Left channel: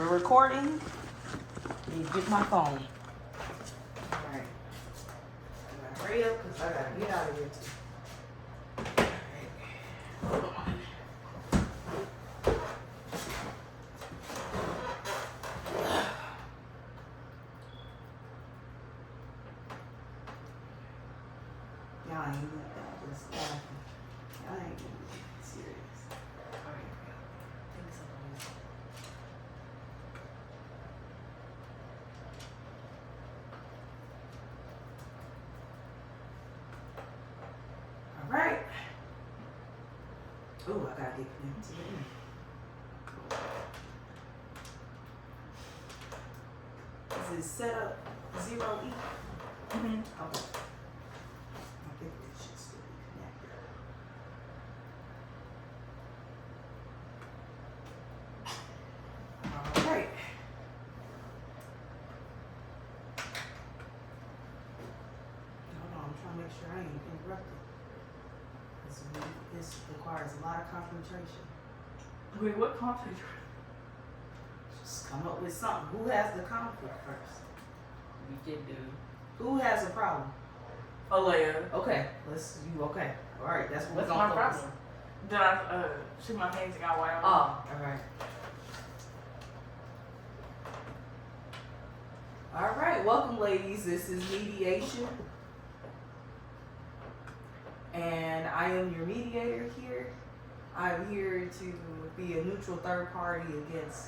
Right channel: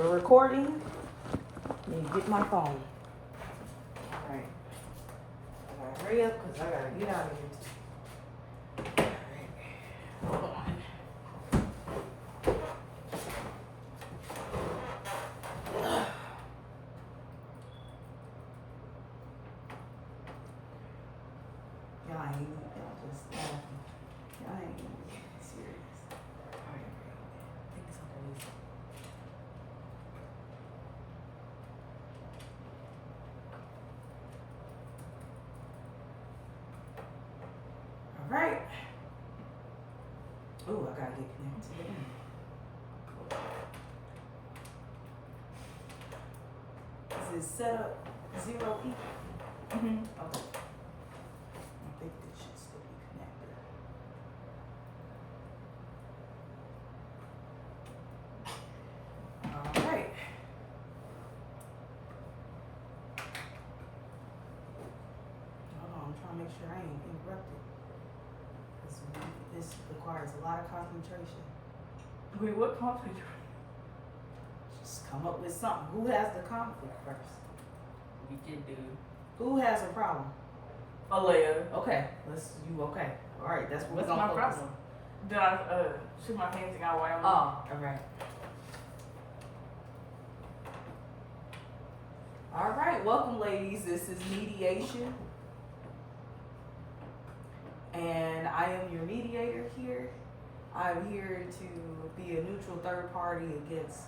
We're recording. Let me get my phone. Alright. I gotta hurry up because I gotta get out of here too. Alright. Hold on. Y'all ain't even, y'all just laughing. Y'all ain't even serious. Alright. Think something is. Alright. Ooh, I gotta get connected to the internet. Is it set up 0E? Mm-hmm. Okay. I think it should still be connected. Alright. Hold on, I'm trying to make sure I ain't interrupted. This requires a lot of concentration. Wait, what conflict? Just come up with something. Who has the conflict first? We can do. Who has a problem? Alea. Okay, you okay. Alright, that's what What's we're my gonna focus problem? Did I shoot my hands and got white on? on. Alright. Alright, welcome ladies. This is Mediation. And I am your mediator here. I'm here to be a neutral third party against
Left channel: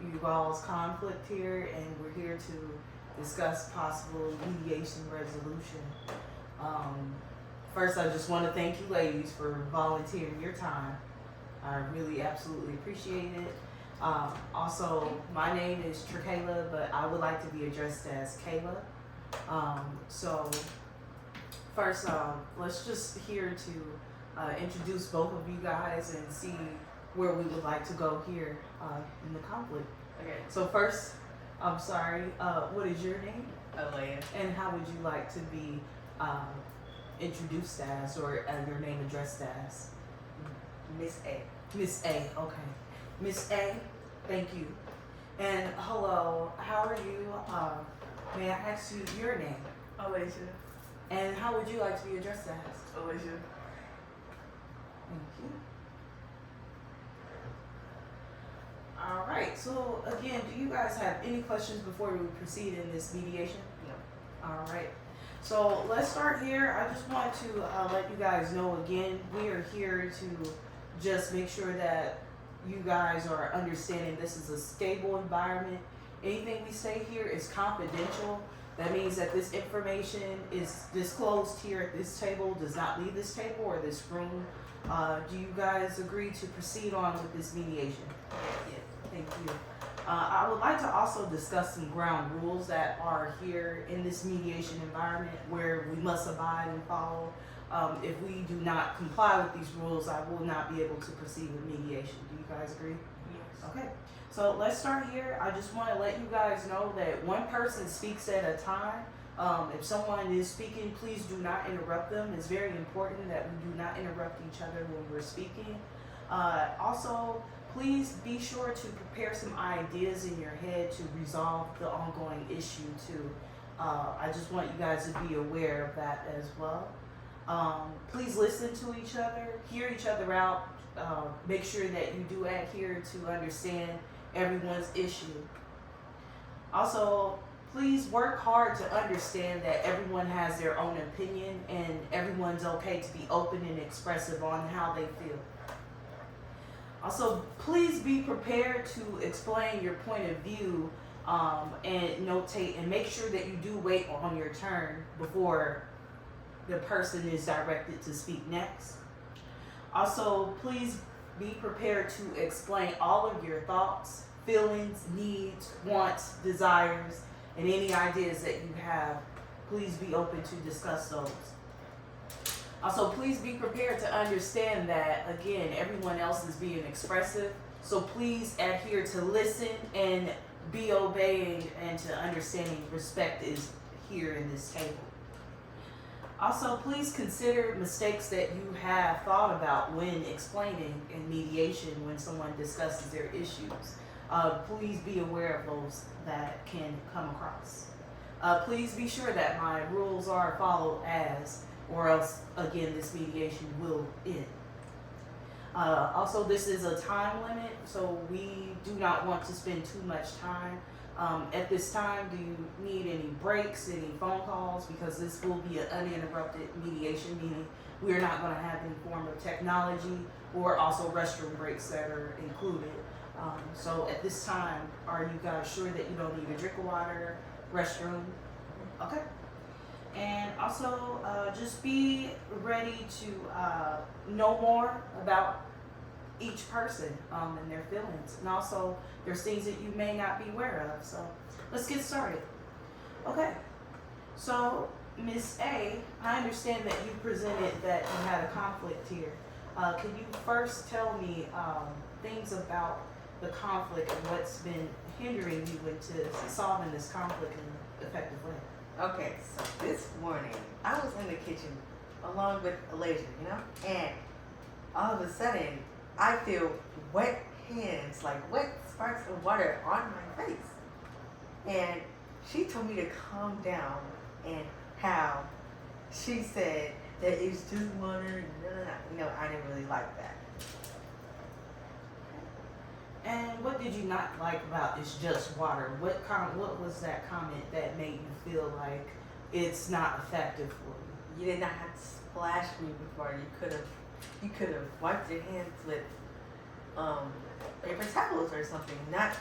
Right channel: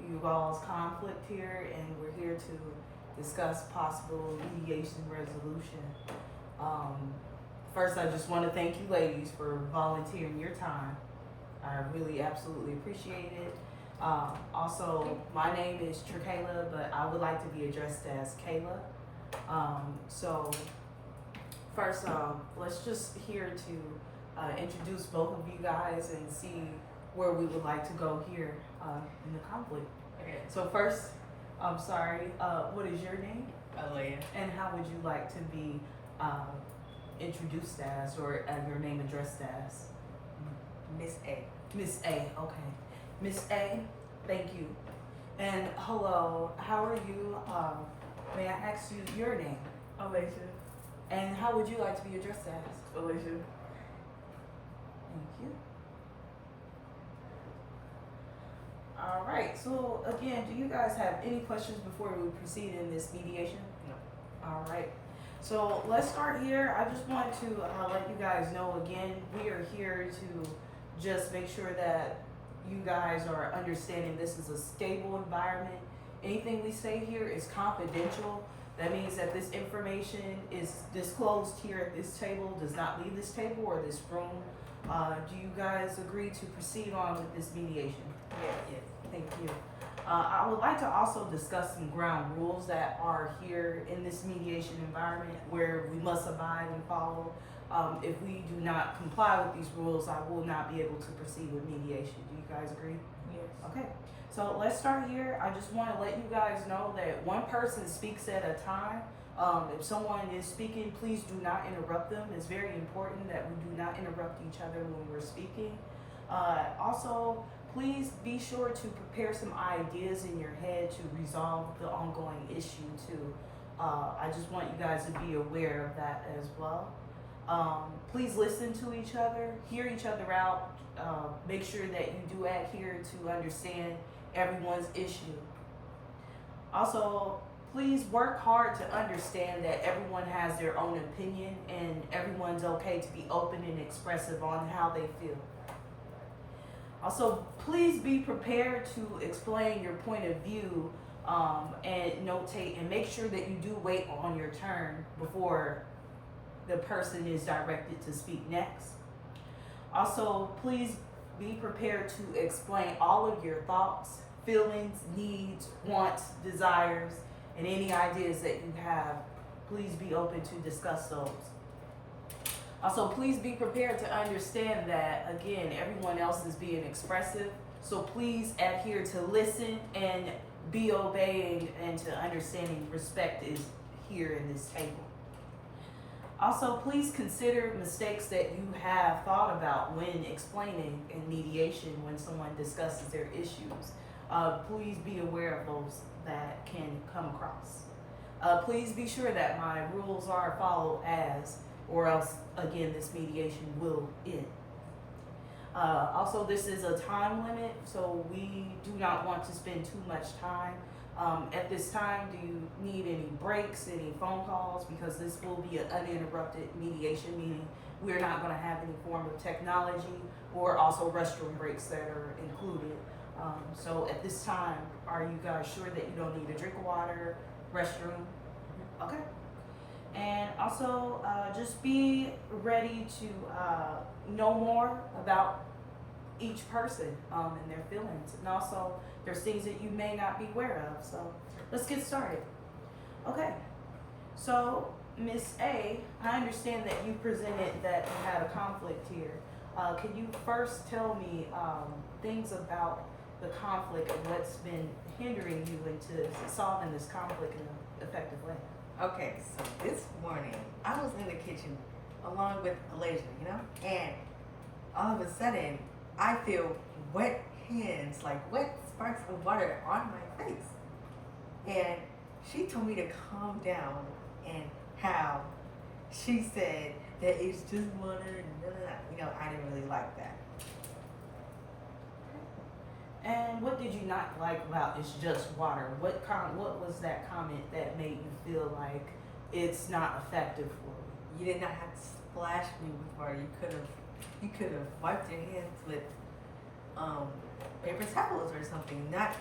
you all's conflict here, and we're here to discuss possible mediation resolution. First, I just want to thank you ladies for volunteering your time. I really absolutely appreciate it. Also, my name is Trakayla, but I would like to be addressed as Kayla. So first, let's just here to introduce both of you guys and see where we would like to go here in the conflict. Okay. So first, I'm sorry, what is your name? Alea. And how would you like to be introduced as, or your name addressed as? Miss A. Miss A, okay. Miss A, thank you. And hello, how are you? May I ask you your name? Alicia. And how would you like to be addressed as? Alicia. Thank you. All right, so again, do you guys have any questions before we proceed in this mediation? No. All right, so let's start here. I just want to let you guys know again, we are here to just make sure that you guys are understanding this is a stable environment. Anything we say here is confidential. That means that this information is disclosed here at this table, does not leave this table or this room. Do you guys agree to proceed on with this mediation? Yes. Thank you. I would like to also discuss some ground rules that are here in this mediation environment where we must abide and follow. If we do not comply with these rules, I will not be able to proceed with mediation. Do you guys agree? Yes. Okay, so let's start here. I just want to let you guys know that one person speaks at a time. If someone is speaking, please do not interrupt them. It's very important that we do not interrupt each other when we're speaking. Also, please be sure to prepare some ideas in your head to resolve the ongoing issue too. I just want you guys to be aware of that as well. Please listen to each other, hear each other out, make sure that you do adhere to understand everyone's issue. Also, please work hard to understand that everyone has their own opinion and everyone's okay to be open and expressive on how they feel. Also, please be prepared to explain your point of view and notate, and make sure that you do wait on your turn before the person is directed to speak next. Also, please be prepared to explain all of your thoughts, feelings, needs, wants, desires, and any ideas that you have. Please be open to discuss those. Also, please be prepared to understand that, again, everyone else is being expressive. So please adhere to listen and be obeying, and to understanding respect is here in this table. Also, please consider mistakes that you have thought about when explaining in mediation when someone discusses their issues. please be aware of those that can come across. Please be sure that my rules are followed or else, again, this mediation will end. Also, this is a time limit, so we do not want to spend too much time. At this time, do you need any breaks, any phone calls? Because this will be an uninterrupted mediation, meaning we're not going to have any form of technology or also restroom breaks that are included. So at this time, are you guys sure that you don't need a drink of water, restroom? Okay. And also, just be ready to know more about each person and their feelings. And also, there's things that you may not be aware of. So let's get started. Okay. So, Miss A, I understand that you presented that you had a conflict here. Can you first tell me things about the conflict and what's been hindering you into solving this conflict in an effective way? Okay, so this morning I was in the kitchen along with Elijah, and all of a sudden I feel wet hands, like wet sparks of water on my face. And she told me to calm down, and how she said that it's just water, I didn't really like that. And what did you not like about it's just water? What was that comment that made you feel like it's not effective for you? You did not have to splash me with water. You could have wiped your hands with paper towels or something, not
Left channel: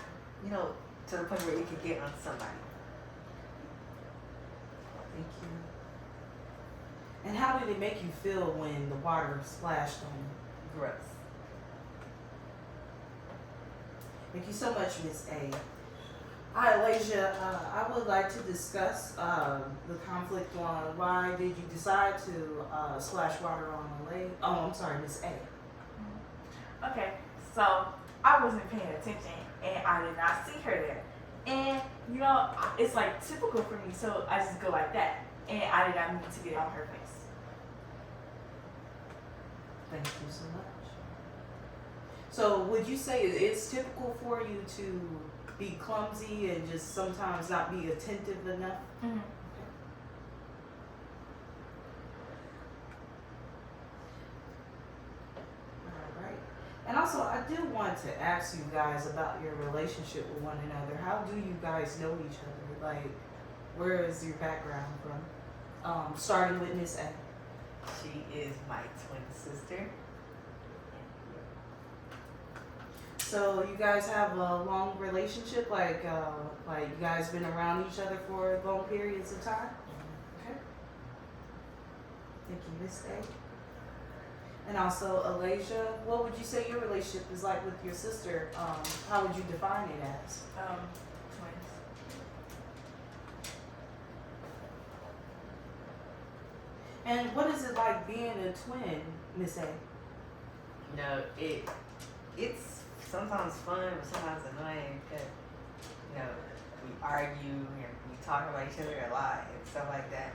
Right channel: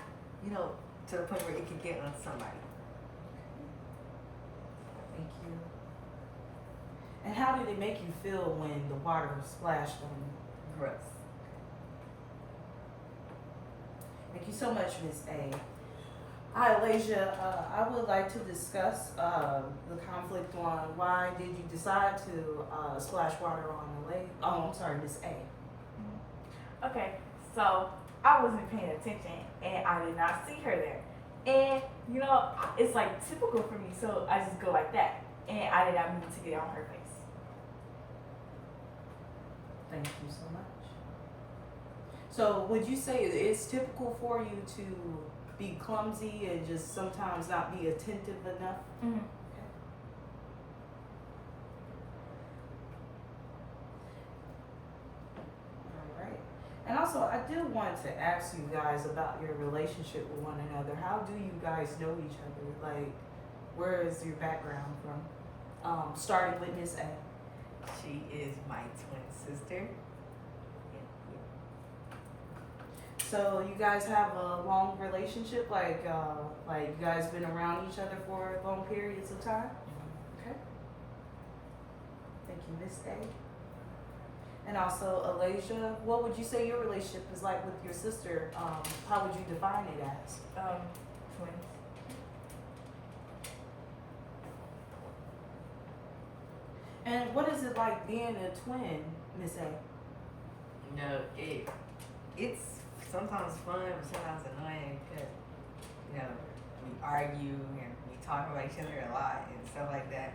to the point where it could get on somebody. Thank you. And how did it make you feel when the water splashed on you? Gross. Thank you so much, Miss A. Hi, Elijah. I would like to discuss the conflict on why did you decide to splash water on Miss A. Okay, so I wasn't paying attention and I did not see her there. And it's like typical for me, so I just go like that. And I did not mean to get on her face. Thank you so much. So would you say it's typical for you to be clumsy and just sometimes not be attentive enough? Mm-hmm. Okay. All right. And also, I do want to ask you guys about your relationship with one another. How do you guys know each other? Like, where is your background from? Starting with Miss A. She is my twin sister. So you guys have a long relationship, like you guys been around each other for long periods of time? Mm-hmm. Okay. Thank you, Miss A. And also, Elijah, what would you say your relationship is like with your sister? How would you define it as? Twins. And what is it like being a twin, Miss A? It's sometimes fun, but sometimes annoying because, we argue and we talk about each other a lot and stuff like that.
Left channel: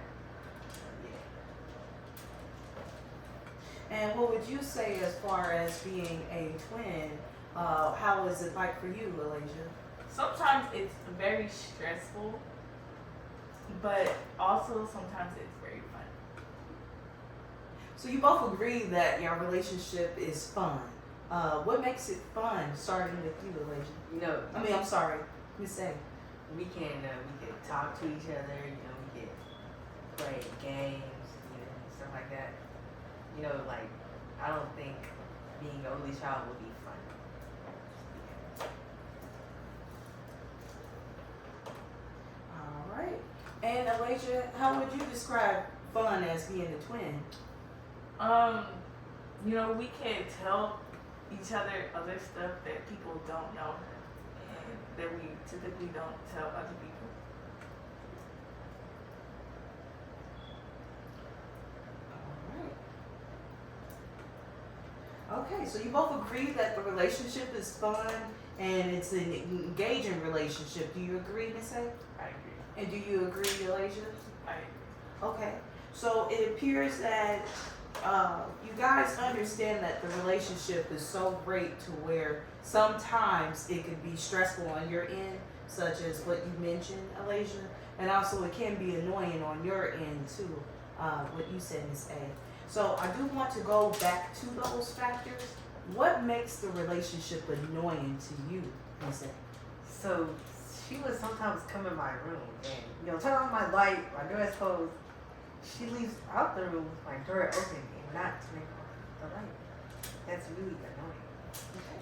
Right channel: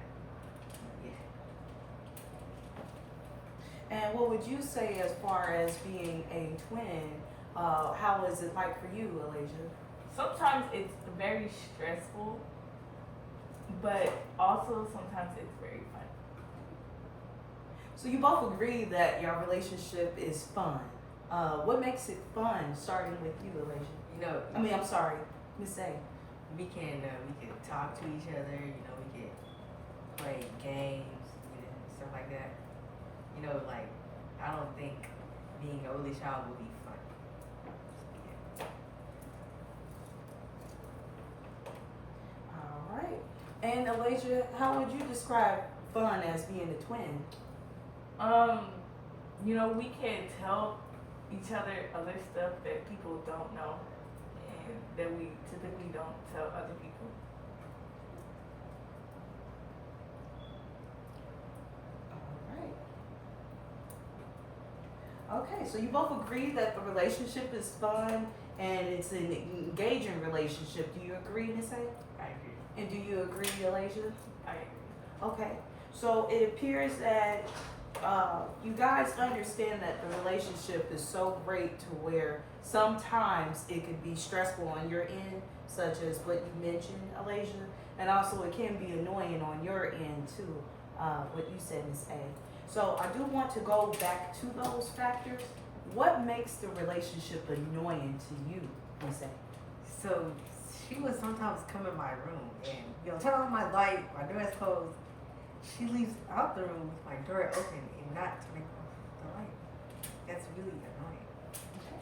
Yeah. And what would you say as far as being a twin? How is it like for you, Elijah? Sometimes it's very stressful, but also sometimes it's very fun. So you both agree that your relationship is fun. What makes it fun, starting with you, Elijah? I'm sorry, Miss A. We can talk to each other, we can play games, stuff like that. I don't think being an only child would be fun. All right. And Elijah, how would you describe fun as being a twin? We can tell each other other stuff that people don't know and that we typically don't tell other people. All right. Okay, so you both agree that the relationship is fun and it's an engaging relationship. Do you agree, Miss A? I agree. And do you agree, Elijah? I agree. Okay, so it appears that you guys understand that the relationship is so great to where sometimes it could be stressful on your end, such as what you mentioned, Alasia, and also it can be annoying on your end too, what you said, Miss A. So I do want to go back to those factors. What makes the relationship annoying to you, Miss A? So she would sometimes come in my room and, turn on my light, my door is closed. She leaves out the room with my door open and not turning off the light. That's really annoying. Okay.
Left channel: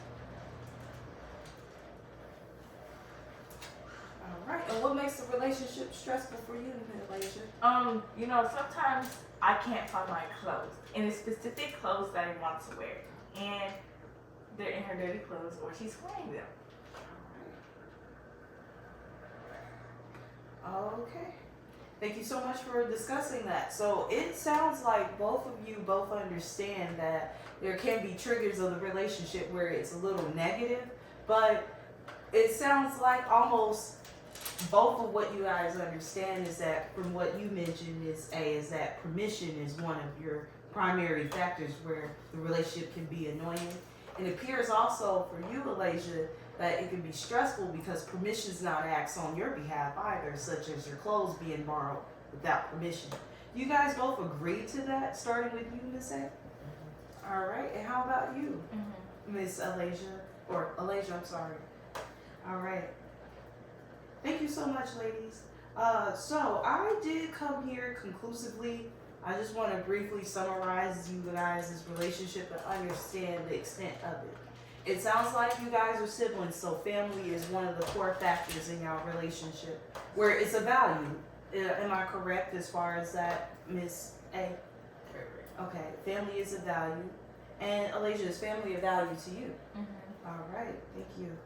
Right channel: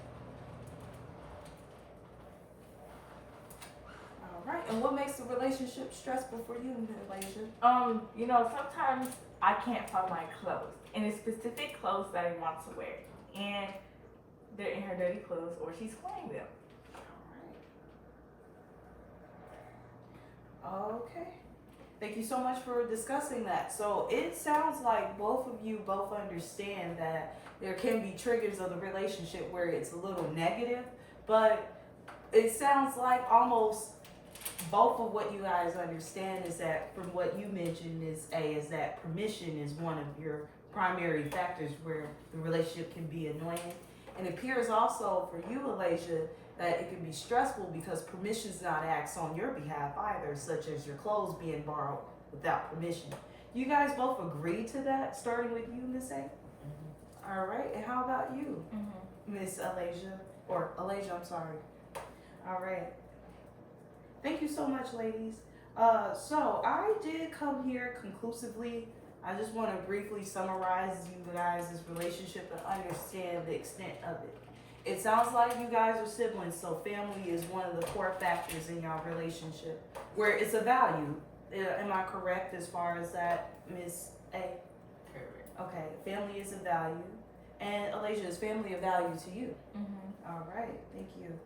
All right. And what makes the relationship stressful for you, Malaysia? Sometimes I can't find my clothes, and it's specific clothes that I want to wear, and they're in her dirty clothes, or she's wearing them. Okay. Thank you so much for discussing that. So it sounds like both of you both understand that there can be triggers of the relationship where it's a little negative, but it sounds like almost both of what you guys understand is that from what you mentioned is that permission is one of your primary factors where the relationship can be annoying. And it appears also for you, Alasia, that it can be stressful because permission is not asked on your behalf either, such as your clothes being borrowed without permission. Do you guys both agree to that, starting with you, Miss A? Mm-hmm. All right, and how about you, Miss Alasia? Or Alasia, I'm sorry. All right. Thank you so much, ladies. So I did come here conclusively. I just want to briefly summarize you guys' relationship and understand the extent of it. It sounds like you guys are siblings, so family is one of the core factors in your relationship, where it's a value. Am I correct as far as that, Miss A? Correct. Okay, family is a value. And Alasia, is family a value to you? Mm-hmm. All right, thank you.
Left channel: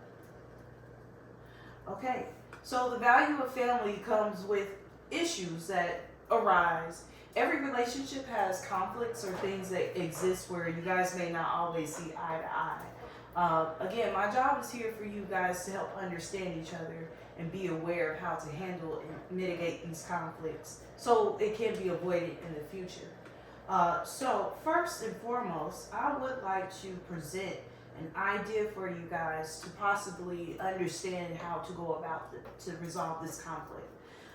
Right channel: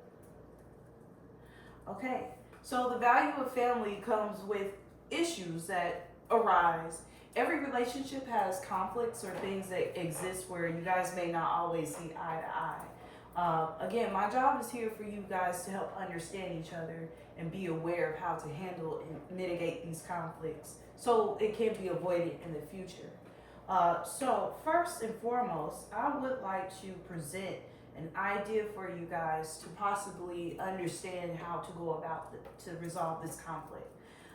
Okay, so the value of family comes with issues that arise. Every relationship has conflicts or things that exist where you guys may not always see eye to eye. Again, my job is here for you guys to help understand each other and be aware of how to handle and mitigate these conflicts so it can be avoided in the future. So first and foremost, I would like to present an idea for you guys to possibly understand how to go about to resolve this conflict.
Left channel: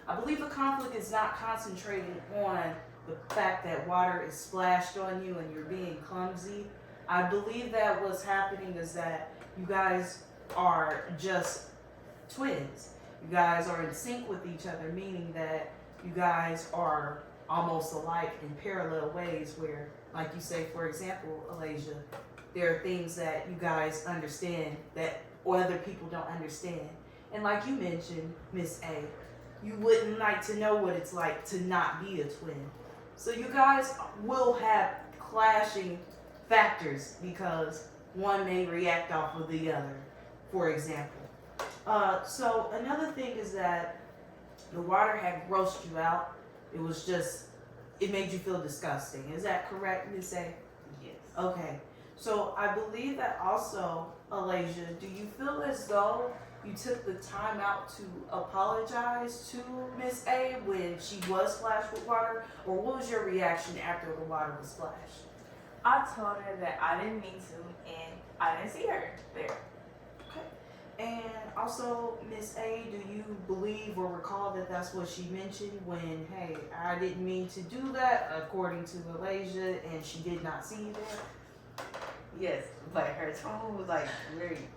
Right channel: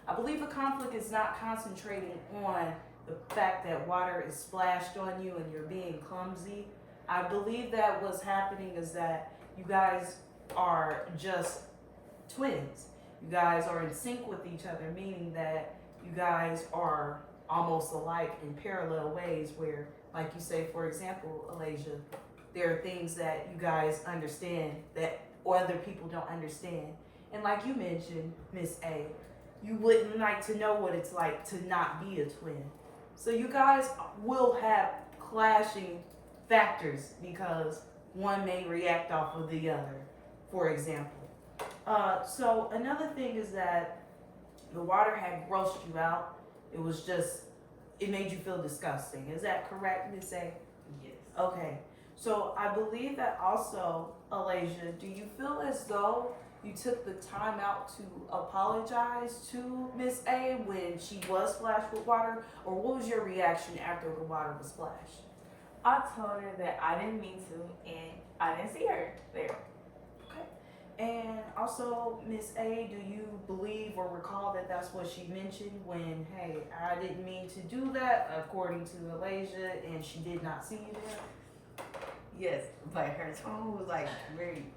I believe a conflict is not concentrating on the fact that water is splashed on you and you're being clumsy. I believe that what's happening is that you guys are just twins. You guys are in sync with each other, meaning that you guys are almost alike in parallel ways where, like you say, for example, Alasia, there are things that you guys understand that other people don't understand. And like you mentioned, Miss A, you wouldn't like to know what it's like to not be a twin. So you guys will have clashing factors because one may react off of the other, for example. So another thing is that the water had grossed you out. It made you feel disgusting. Is that correct, Miss A? Yes. Okay. So I believe that also, Alasia, do you feel as though you took the time out to apologize to Miss A when she was splashed with water? Or what was your reaction after the water was splashed? I told her that I didn't mean to, and I didn't see her there. Okay. And also, Miss A, do you believe or recall that that's what she mentioned when, hey, I didn't mean to do that, according to Alasia, and she did not see you there? Yes, but her tone was like very,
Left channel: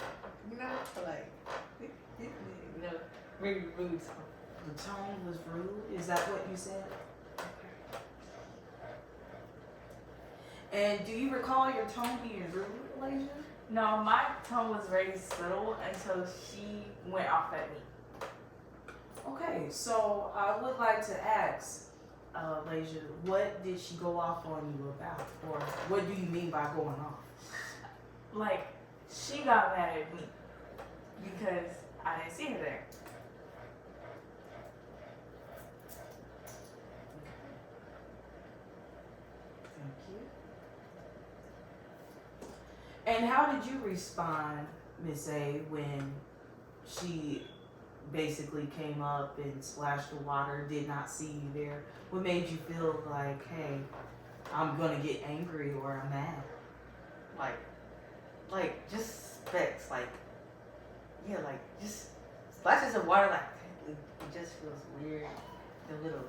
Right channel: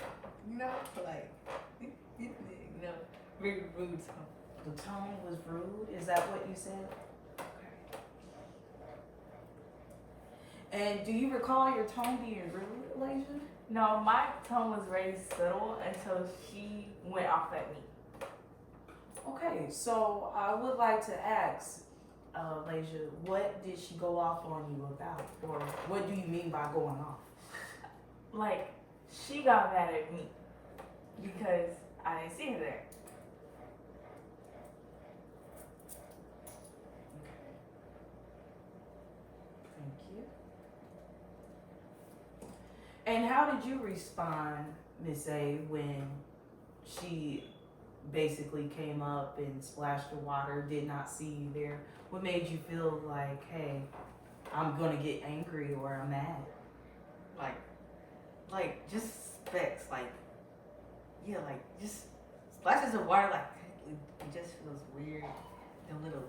very rude tone. The tone was rude? Is that what you said? And do you recall your tone being rude, Alasia? No, my tone was very subtle until she went off at me. Okay, so I would like to ask, Alasia, what did she go off on you about? Or what do you mean by going off? Like, she got mad at me because I didn't see her there. Thank you. And how did you respond, Miss A, when she basically came up and splashed the water, did not see you there? What made you feel like, hey, I'm gonna get angry or I'm mad. Like just specks, like yeah, like just splashes of water, like it just feels weird. The little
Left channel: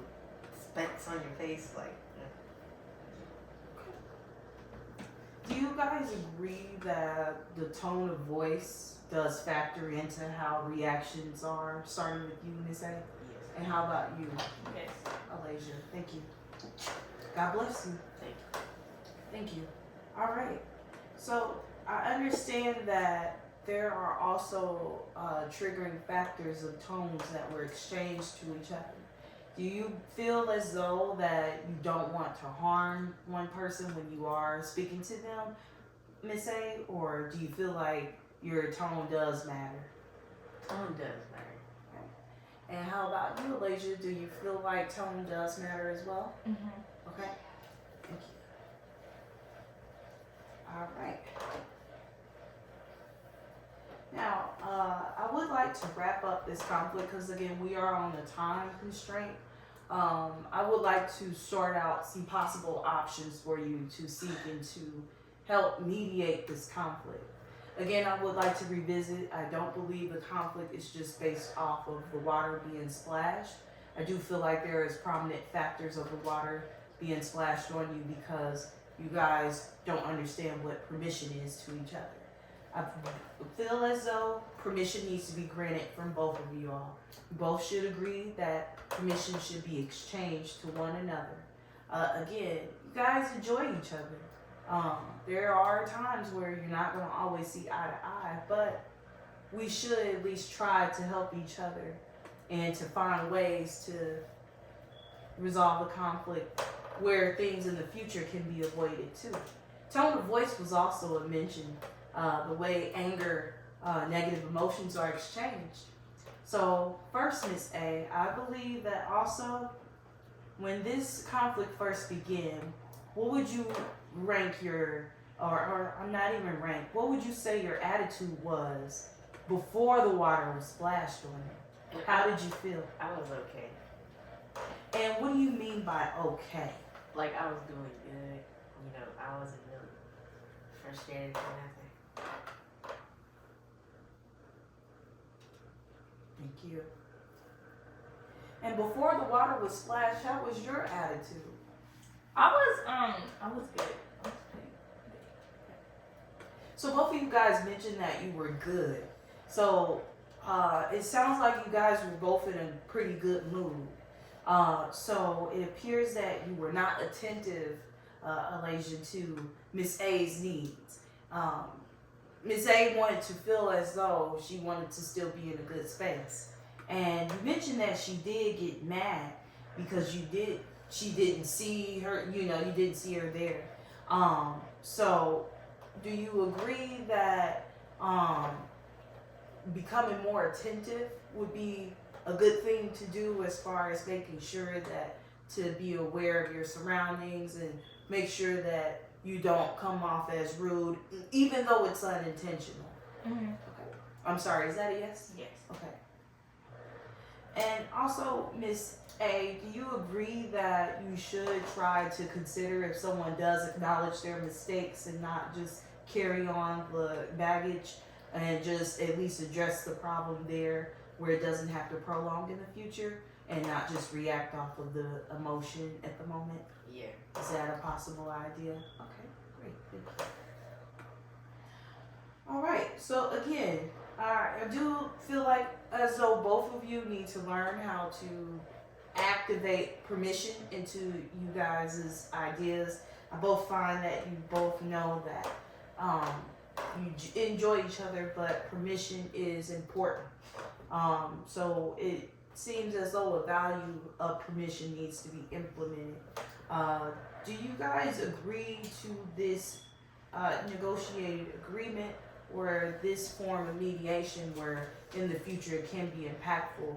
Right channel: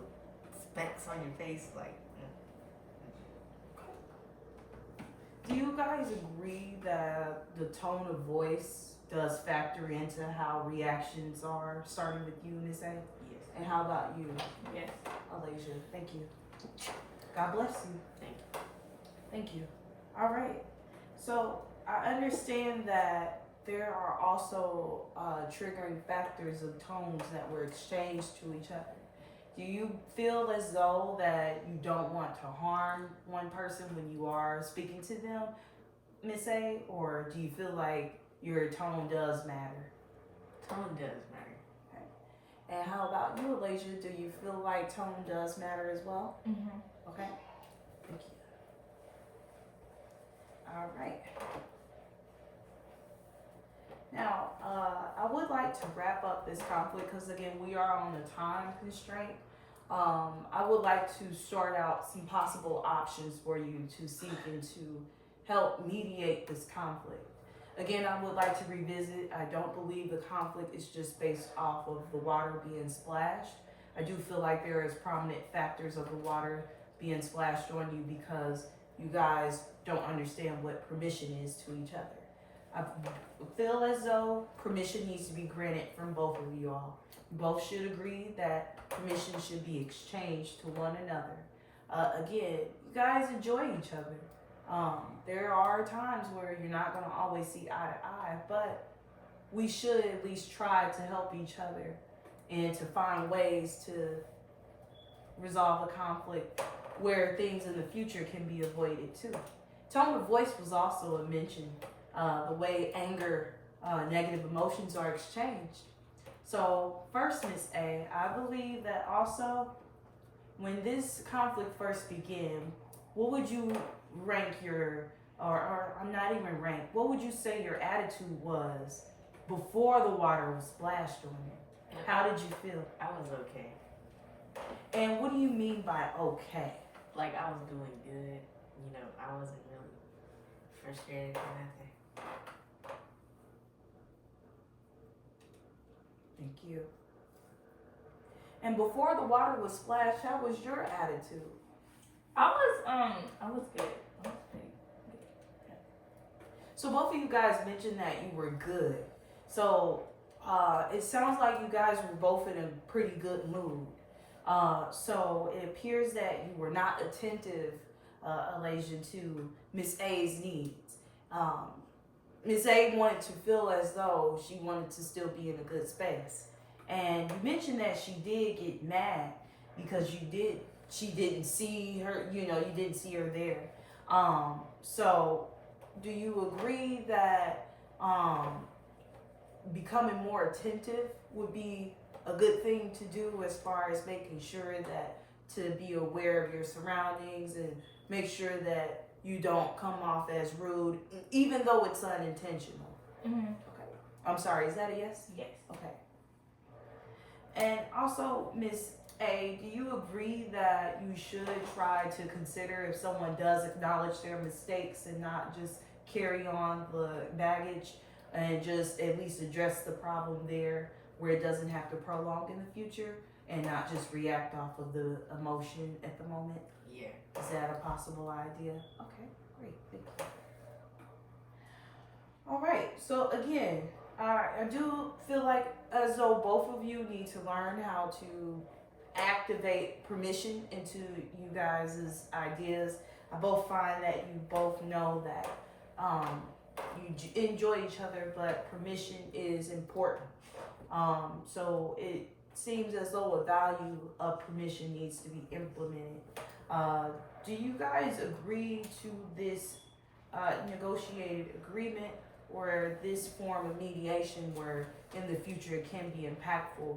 specks on your face, like. Do you guys agree that the tone of voice does factor into how reactions are? Starting with you, Miss A. Yes. And how about you, Yes. Alasia? Thank you. God bless you. Thank you. Thank you. All right. So I understand that there are also triggering factors of tones that were exchanged to each other. Do you feel as though that you don't want to harm one person when you are speaking to them, Miss A, or do you feel like your tone does matter? Tone does matter. Okay. And how about you, Alasia? Do you feel like tone does matter as well? Mm-hmm. Okay. Thank you. All right. Now, I would like to wrap up this conflict because, again, we are on a time constraint. I would like to start out some possible options for you to seek and to help mediate this conflict. Again, I would like to revisit. I don't believe the conflict is just based off of the water being splashed. I do feel like there is prominent factors of the water being splashed on you because you guys don't understand what permission is to each other. I feel as though permission needs to be granted from both of you all. You both should agree that permission should be exchanged to one another. Again, you guys enjoy each other. There are times where you're not going to always see eye to eye, but we should at least try to help each other and to find ways to resolve the conflict where things in the future can be avoided too. Tone of voice was also mentioned. The way anger, negative emotions are exchanged. So first, Miss A, I believe that also when this conflict first began, what would you rank your, or I'm not even rank, what would you say your attitude was before the water was splashed on you? How did you feel? I was okay. And what do you mean by okay? Like I was doing good. You know, I wasn't really frustrated or anything. Thank you. And before the water was splashed, how was your attitude? I was good. I was pretty good. So both of you guys mentioned that you were good. So it sounds like you guys were both in a pretty good mood. So it appears that you were not attentive, Alasia, to Miss A's needs. Miss A wanted to feel as though she wanted to still be in a good space. And you mentioned that she did get mad because she didn't see her, you didn't see her there. So do you agree that becoming more attentive would be a good thing to do as far as making sure that to be aware of your surroundings and make sure that you don't come off as rude, even though it's unintentional? Mm-hmm. Okay. I'm sorry, is that a yes? Yes. Okay. And also, Miss A, do you agree that you should try to consider if someone does acknowledge their mistakes and not just carry on the baggage and just at least address the problem there where it doesn't have to prolong in the future and not just react off of the emotion at the moment? Yeah. Is that a possible idea? Okay, great. Thank you. All right. So again, I do feel like as though both of you need to learn how to activate permission into you guys' ideas. I both find that you both know that you enjoy each other, but permission is important. So it seems as though a value of permission needs to be implemented. Do you guys agree to this negotiated agreement or this form of mediation where in the future it can be impactful?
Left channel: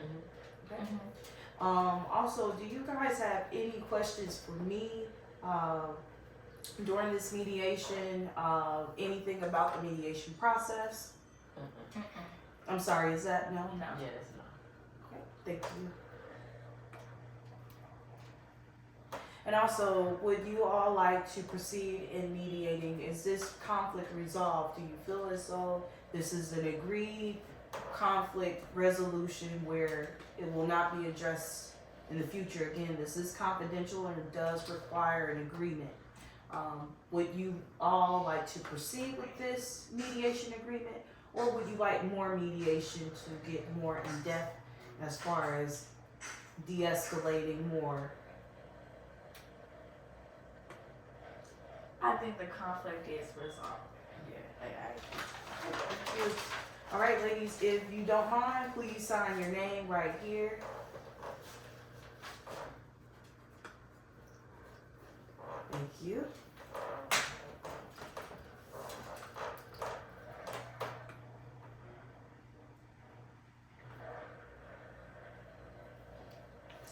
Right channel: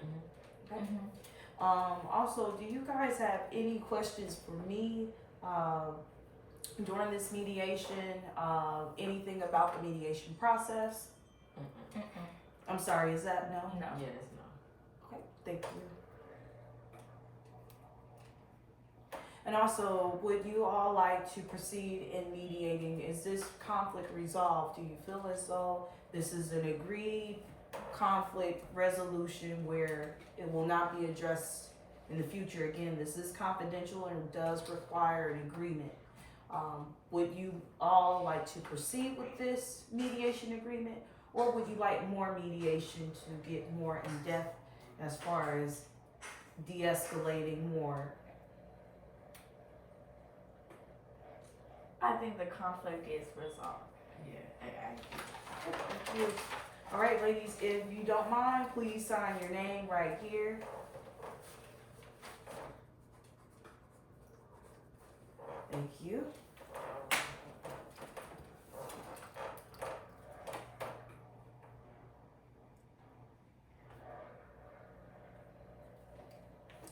Mm-hmm. Okay. Mm-hmm. Also, do you guys have any questions for me during this mediation? Anything about the mediation process? Mm-mm. Mm-mm. I'm sorry, is that no? No. Yeah, that's no. Okay, thank you. And also, would you all like to proceed in mediating? Is this conflict resolved? Do you feel as though this is an agreed conflict resolution where it will not be addressed in the future? Again, this is confidential and does require an agreement. Would you all like to proceed with this mediation agreement, or would you like more mediation to get more in depth as far as de-escalating more? I think the conflict is resolved. Yeah, I Thank you. All right, ladies, if you don't mind, please sign your name right here. Thank you.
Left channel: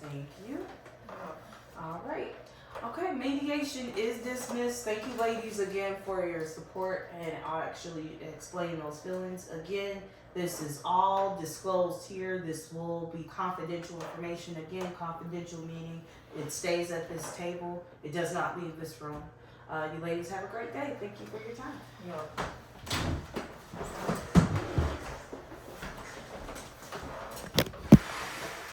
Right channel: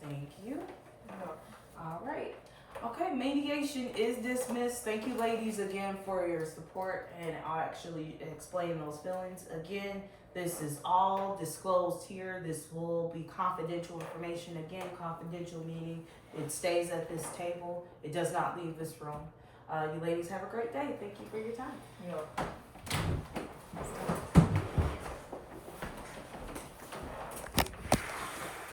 Thank you. All right. Okay, mediation is dismissed. Thank you, ladies, again for your support, and I'll actually explain those feelings. Again, this is all disclosed here. This will be confidential information. Again, confidential meaning it stays at this table. It does not leave this room. You ladies have a great day. Thank you for your time. You're welcome.